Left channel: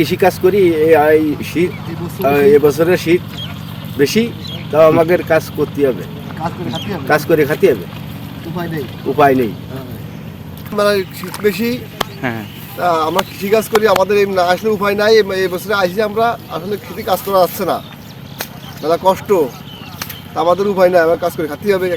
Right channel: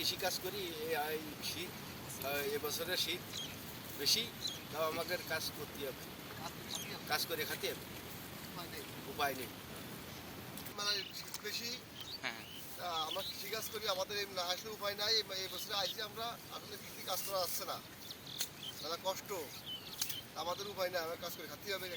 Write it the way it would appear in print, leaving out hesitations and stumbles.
কৃষিকাজ করি, এই শীত এবছরে শীত বেশি, তাও আমাদের কাজ করতে হবে, কাজ করে খাতে হবে, উপায় নেই। মানে শীত বেশি, হ্যাঁ তা আমরা কৃষিকাজ করি, আমাদের এই না আসলে উপায় নাই। এই বছরে আসি আমরা, আসলে কৃষি কাজ করা যাচ্ছে না, মেলা কষ্ট, তা আমাদের উপায় নাই, আমার কাজ করে খাতে হবে।